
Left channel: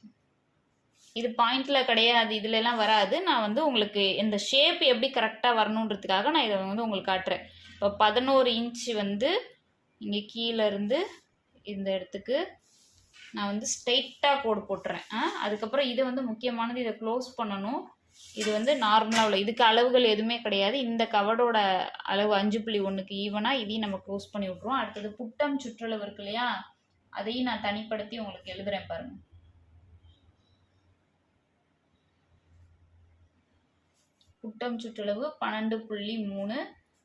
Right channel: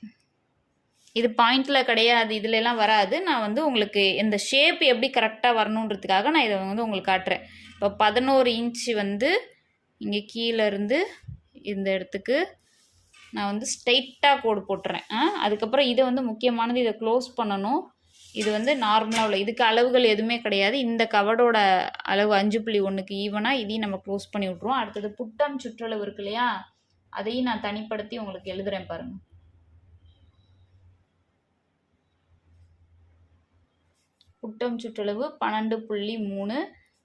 இது பாயிண்டில் கிடையாது, இதுலலாம் வராது. நான் வந்து உங்களுக்கு இந்த ஷேப் எப்படி கரெக்டாக வரணுன்றதுக்காக நான் இதை வந்து உங்களுக்கு காட்டுறேன். இப்போ 11 இன்ச்சு வந்து இங்கே கீழே இருந்து இந்த இடத்துக்கு நான் வந்து ஸ்ட்ரெயிட்டாக கோடு போட்டுறேன். அதுக்கப்புறம் இதை வந்து முக்கியமானது, இதை க்ளோஸ் பண்ணணும். இது வந்து நார்மலாக உள்ள, இதுக்கு அளவுகள் எதுவுமே கிடையாது. இந்த கவடோட அளவு 5.1க்கு ஈவனாக இதையும் நம்ம க்ளோஸ் பண்ணி விட்ருவோம். அடுத்தது புட்டம் சுற்றளவு இருக்கு இல்லையா, அதையும் நான் தனிப்படுத்தி உங்களுக்கு எழுதுகிறேன் பாருங்கள். புட்டம் சுற்றளவு 12.3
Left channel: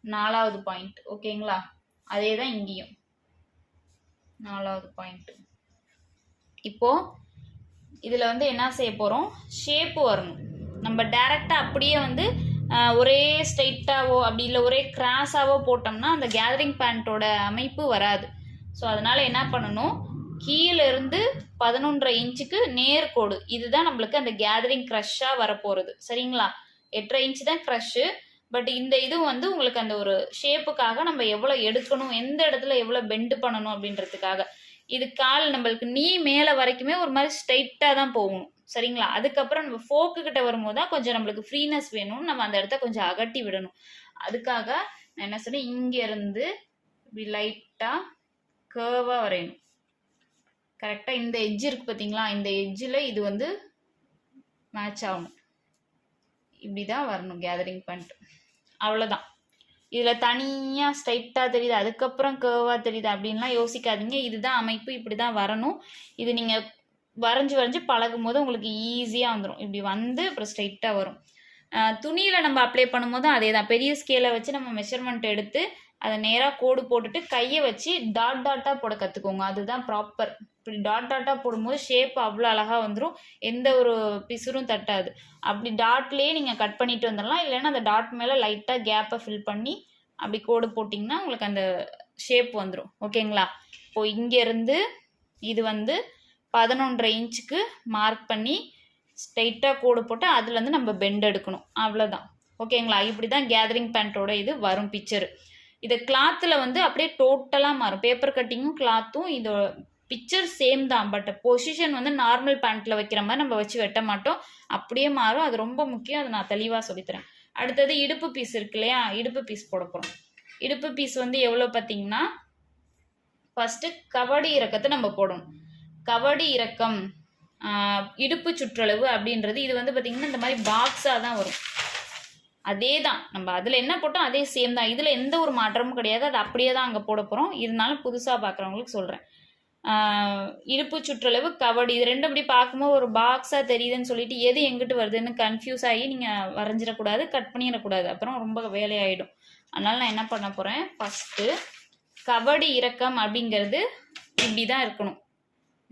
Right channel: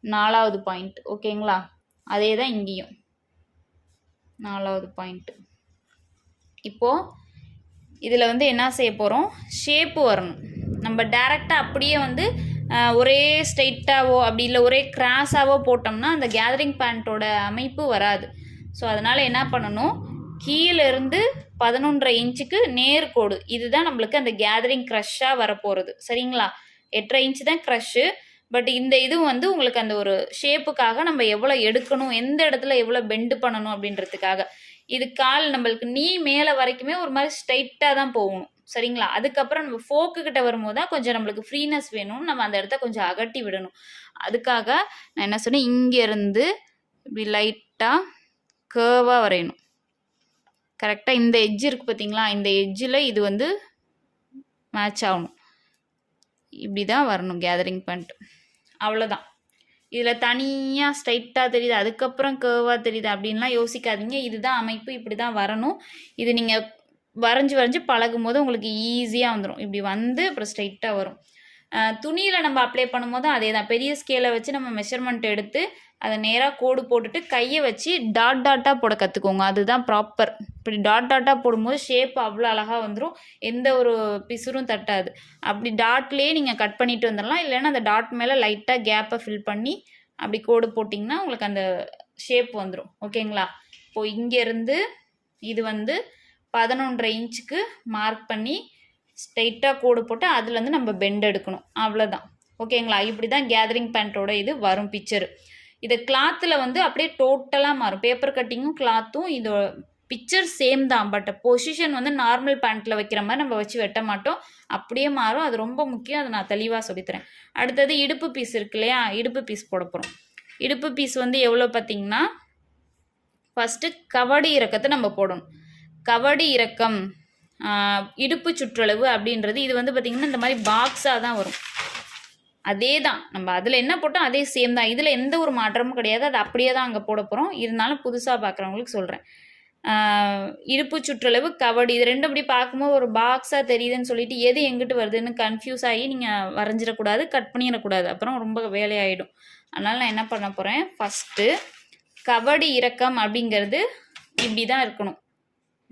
4வது பாயிண்ட். ஓகேங்களா? அதே தான் இங்கேயும் 4வது பாயிண்ட்டு. இப்போது இதில் வந்து என்ன செய்ய போகிறோம், ஷேப்பு வரணும். நம்ம டைரெக்டாக அப்படியே வந்து ஒரே ஸ்ட்ரைட்டாவோ அப்படி இல்லை ஒரே கிராஸாவோ போட்டோம்னா அந்த கேதரிங் பேண்ட்டோட அமைப்பு வராது. ஸோ அதனால் என்ன பண்ணணும், கீழேருந்து 11.5 இன்ச்சுக்கு நேர்கோடு, இதுதான் நம்மளுக்கு அந்த கேதரிங் க்ரஷ்ஷாக வரப்போகிறது. சரிங்களா? 8.5 இன்ச்சு தான் க்ரஷ்ஷு. பட் இந்த இது வந்து உங்களுக்கு அந்த ஒரு ஷேப்புக்காக நம்ம எவ்வளோ எடுக்கணும், எந்த இடத்துல எவ்வளோ பெண்டு பண்ணணும் அப்படின்றதுக்காக. இது கால் நம்மளுக்கு நீ மேலே வரைக்குமே ஒரு மாதிரி ஸ்ட்ரைட்டாக தான் போகணும். சரிங்களா? அதுக்கப்புறம் நம்ம ஃபோக்குக்கிட்ட வரும்போது தான் கொஞ்சம் நம்மளுக்கு ஃப்ரீனஸ் வேணும், நம்ம அந்த இடத்த கொஞ்சம் அகட்டி விடணும். அதுக்காக நான் என்ன சொன்னேன், இங்கேருந்து இப்படி லைட்டாக கேர்வாக வரையணும். கரெக்டாக இந்த எட்ஜ் இருக்குது பார்த்தீங்களா, இந்த எட்ஜில் இது வந்து மேட்ச் ஆகணும். இப்படி தான் வரணும் கேதரிங் பேண்ட். அவ்வளோதான். இதில் தனியாக ஸ்ட்ரைட்டாக தெரியுது அதுக்கப்புறம் கேர்வாக தெரியுது அப்படின்லாம் யோசிக்காதீங்க. இதுதான் அமைப்பு, இப்படி தான் வரணும். இது நீங்கள் வரைஞ்சி பழகும் போது உங்களுக்கு ஈஸியாக வந்துடும். இப்படி வந்து அப்புறம் ஸ்ட்ரைட்டாக வரும். துணியில் நம்ம அப்ளை பண்ணும்போது அதே தான், பெரிய ஸ்கேலை வச்சு நம்ம மெஷர்மெண்ட் எடுத்து அதை நேராக கோடு போட்டுட்டு கையை வச்சு டாட்டாக போட கற்றுக்கோங்க. அதுதான் ப்ராப்பர். இப்படி டாட்டாக போடும்போது ஷேப் அவ்வளோ அழகாக வந்துடும், எந்த ஒரு பிசுரும் தட்டாது. அப்படி டாட்லேயே நீங்கள் கட் பண்ணிட்டு வந்துடலாம். இல்லைன்னா அந்த டாட் மேலே லைட்டாக கேப்பை ஃபில் பண்ணி அப்படி கோடு போட்டிங்கன்னா உங்களுக்கு அந்த ஷேப் வந்துடும். ஓகேங்களா? இப்போது இங்கேருந்து இது வந்து 11.5 இன்ச்சுக்கு மார்க் பண்ணி ஸ்ட்ரைட்டாக கோடு போட்டு அதுலேருந்து நம்ம பெண்ட் எடுக்கணும். அவ்வளோதான். ஓகேங்களா? இப்படி தான் கேதரிங் பேண்ட்டோட இது வரும் பிக்சரு. இது கிளாத்தில் வந்து அப்படியே டோட்டலாக மாறும். பேப்பர் கட்டிங்கும் கிளாத்தும் இது பிக்சர் சேம் தான். பட் பொசிஷன் வந்து நார்மல் பேண்ட்டில் வைக்கிற மாதிரி நம்ம வச்சு வெட்ட மாட்டோம், அப்படியே மாறும். அது ரொம்ப முக்கியம், அதை நான் தெளிவாக சொல்லித்தரேன். அடுத்தது இடுப்பு பீஸ் இருக்கு இல்லையா, இடுப்பு பீஸ் போட போகிறோம். இடுப்பு பீஸ் வந்து எவ்வளோ பார்த்தீங்கன்னா, ஃபஸ்ட்டு கவடி இறக்கத்தை நம்ம போடணும். கவடி இறக்கம் இடுப்பு சுற்றளவு அப்படின்றது இது வந்து பார்த்திங்கன்னா இந்த மாதிரி பாக்ஸாக தான் வரும். அதே தான், நம்ம அதில் என்ன போட்டோம் அதே சேம் தான். இதில் எந்த ஒரு மாற்றமும் கிடையாது, அது அப்படியே தான் அங்கே போட போகிறோம். இருந்தாலும் புதுசாக பார்க்குறவங்களுக்கு சொல்கிறேன். இடுப்பு சுற்றளவு கவடி இது ரெண்டும் அப்படி பார்க்கும்போது ஒரு பாக்ஸாக தெரியுதுன்னு சொல்லிட்டு எது எங்கிட்டு வருதுன்னு கன்ஃபியூஸ் ஆகி நீங்கள் வரைஞ்சிடக்கூடாது, கட் பண்ணிடக்கூடாது, அப்புறம் ரொம்ப வேலையாயிடும். அதனால் நான் என்ன பண்ண போகிறேன், ஃபஸ்ட்டு கவடி இறக்கம் அப்படிங்கிறது இப்படி தான் இருக்கணும்,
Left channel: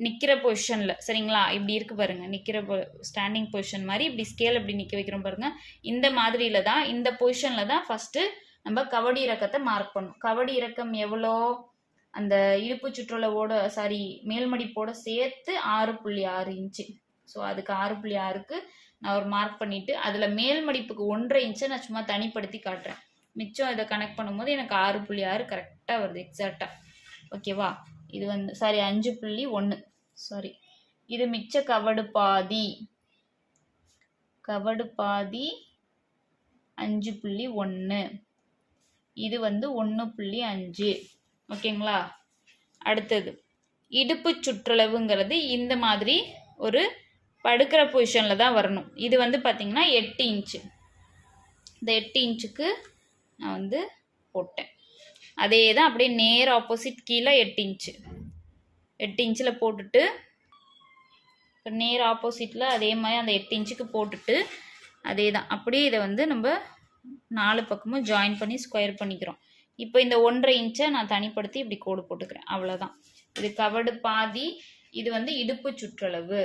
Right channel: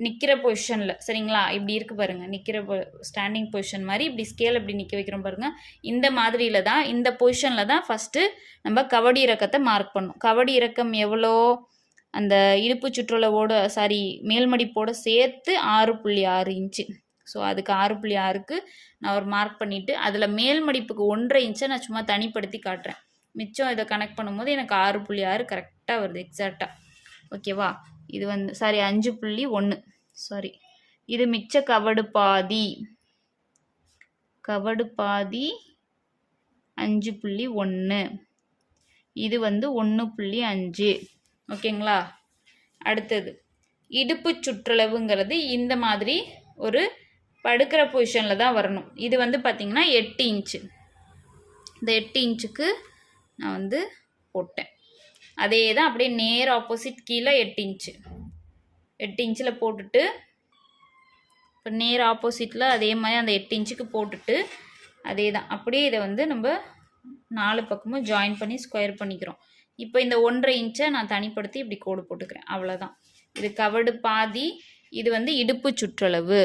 நிற்கிற பொசிஷனில். சரிங்களா? இப்படி இருக்குது பாருங்கள், நிற்கிற ஸ்டாண்டிங் பொசிஷன் மாதிரி இப்படி ஸ்கேல் இப்படி நிற்க வைக்கிறோம் பாருங்கள். இந்த மாதிரியில் தான், இந்த பொசிஷனில் தான் ஃபஸ்ட்டு நம்ம கவடி இறக்கத்தை மார்க் பண்ணணும். கவடி இறக்கம் எவ்வளோ, அந்த இடுப்பு சுற்றளவோட மேல்மடிப்போடு சேர்த்து 6.6 இன்ச்சு. ஸோ அதுக்கு 6.6க்கு நான் ஒரு மார்க் பண்ணிவிட்டு அதில் மேல்மடிப்புக்கு 1.5 இன்ச்சை நான் சும்மா தனிப்படுத்தி காட்டுறேன். மிச்சம் இதை கனெக்ட் பண்ணும்போது எனக்கு 6.6 கரெக்டாக வருது எக்ஸாக்டாக. ஓகேவா? இது வந்து 5.1 இது மிச்ச கவடு பாதி 5.1, இது வந்து 1.5. ஓகேங்களா? அடுத்தது இடுப்பு சுற்றளவுங்கிறது இந்த மாதிரி ஒரு படுக்கிற பொசிஷனில் தான் வரணும். இது வந்து பார்த்திங்கன்னா 8 இன்ச்சு. இந்த 8 இன்ச்சுக்கு நான் வந்து போட்டேன். அதே தான் அப்படியே நேர் ஆப்போசிட் கீழே 8 இன்ச்சு. 8 இன்ச்சில் போட்டுட்டு இப்போ நேர் ஆப்போசிட்டில் அதே மாதிரி அந்த 8 இன்ச்சுக்கு போட்டுட்டு அதே தான் அப்படியே இதை வந்து நம்ம 4 பக்கமும் ஜாயின் பண்ணி ஸ்கொயர் பண்ணிக்கிறோம். இப்போ இந்த 1.5 இன்ச்சை நான் தனிப்படுத்தி இப்படி கோடு போட்டுக்கிறேன். அவ்வளோதான். இது கவடு பாதி, இது வந்து இடுப்பு சுற்றளவு.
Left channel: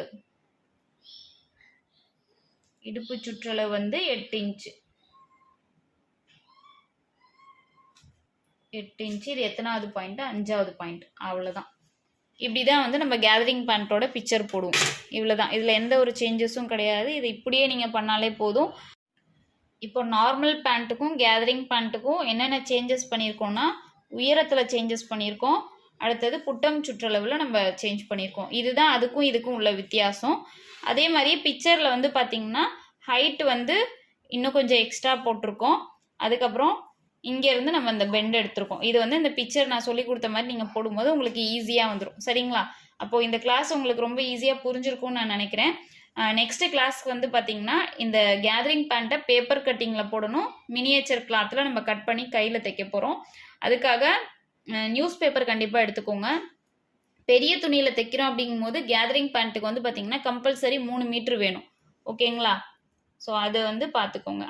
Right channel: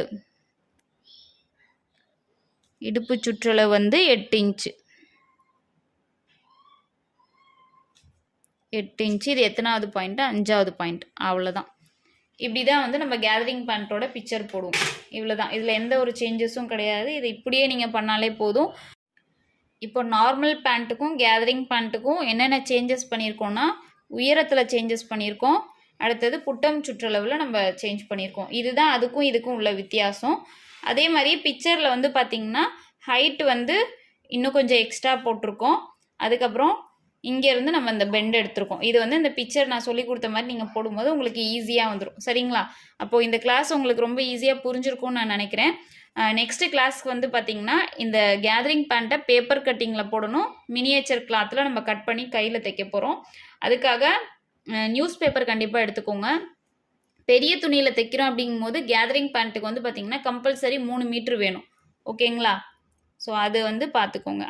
இடுப்பு சுற்றளவு வந்து 8 இன்ச்சு. 8 இன்ச்சு. இது எத்தனாவது பாயிண்ட்? 5வது பாயிண்ட். அவ்வளோதான். இப்படி தான் வந்து நம்ம கேதரிங் பேண்ட்டோட பிக்சர் போடுவோம். இவ்வளோ தான். இதில் எந்த ஒரு சேஞ்சஸும் கிடையாது. இது இப்படியே நீங்கள் பண்ணாலே போதும். இப்போ நார்மல் பேண்ட்டுக்கும் கேதரிங் பேண்ட்டுக்கும் என்னென்ன சேஞ்சஸ் பண்ணியிருக்கோன்னா, உயரத்தில் சேஞ்சஸ் பண்ணியிருக்கோம். அடுத்தது புட்டம் சுற்றளவில் நம்ம சேஞ்ச் பண்ணியிருக்கோம். இதுதான் அதுக்கும் இதுக்கும் உள்ள வித்தியாசம். அதே மாதிரியே பிக்சரில் வந்து பார்த்திங்கன்னா ஹைட் வந்து இன்னும் கொஞ்சம் எக்ஸ்ட்ரா போட்டிருக்கோம். அதுக்கப்புறம் இங்கேருந்து நம்ம இந்த பெண்ட் எடுத்திருக்கோம். இது வந்து இந்த பிக்சர் நான் சொல்லி கொடுத்த மாதிரி நீங்கள் போடும்போது உங்களுக்கு ஈஸியாக வந்துடும். சரிங்களா? அப்போது இந்த கிளாஸ் உங்களுக்கு ரொம்ப ஈஸியாக புரிஞ்சிருக்கும்னு நான் நினைக்கிறேன். நெக்ஸ்ட்டு கிளாஸ்க்கு வந்து பார்த்திங்கன்னா இந்த கேதரிங் பேண்ட்டை பேப்பர் கட்டிங்கில் போடணும். மினியேச்சர் கிளாத்தில் நம்ம கட் பண்ணி கையில் தைக்க போகிறோம். அதுக்காக நியூஸ் பேப்பர் கண்டிப்பாக எடுத்துக்கோங்க. பெரிய துணியில் தைக்கிறோம் அப்படிங்கும்போது கேதரிங் பேண்ட்டுக்கு வந்து பார்த்திங்கன்னா கம்பல்சரி 3 மீட்ரு வேணும். ஓகேங்களா? ஸோ அது வந்து பார்த்துக்கோங்க.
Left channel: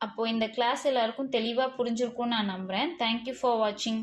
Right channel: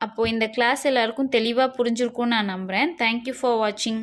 அப்போது இந்த கிளாஸ் எல்லாருக்கும் தெளிவாக புரிஞ்சிருக்கும்னு நான் நம்புகிறேன். தேங்க்யூ ஃபார் வாட்சிங்.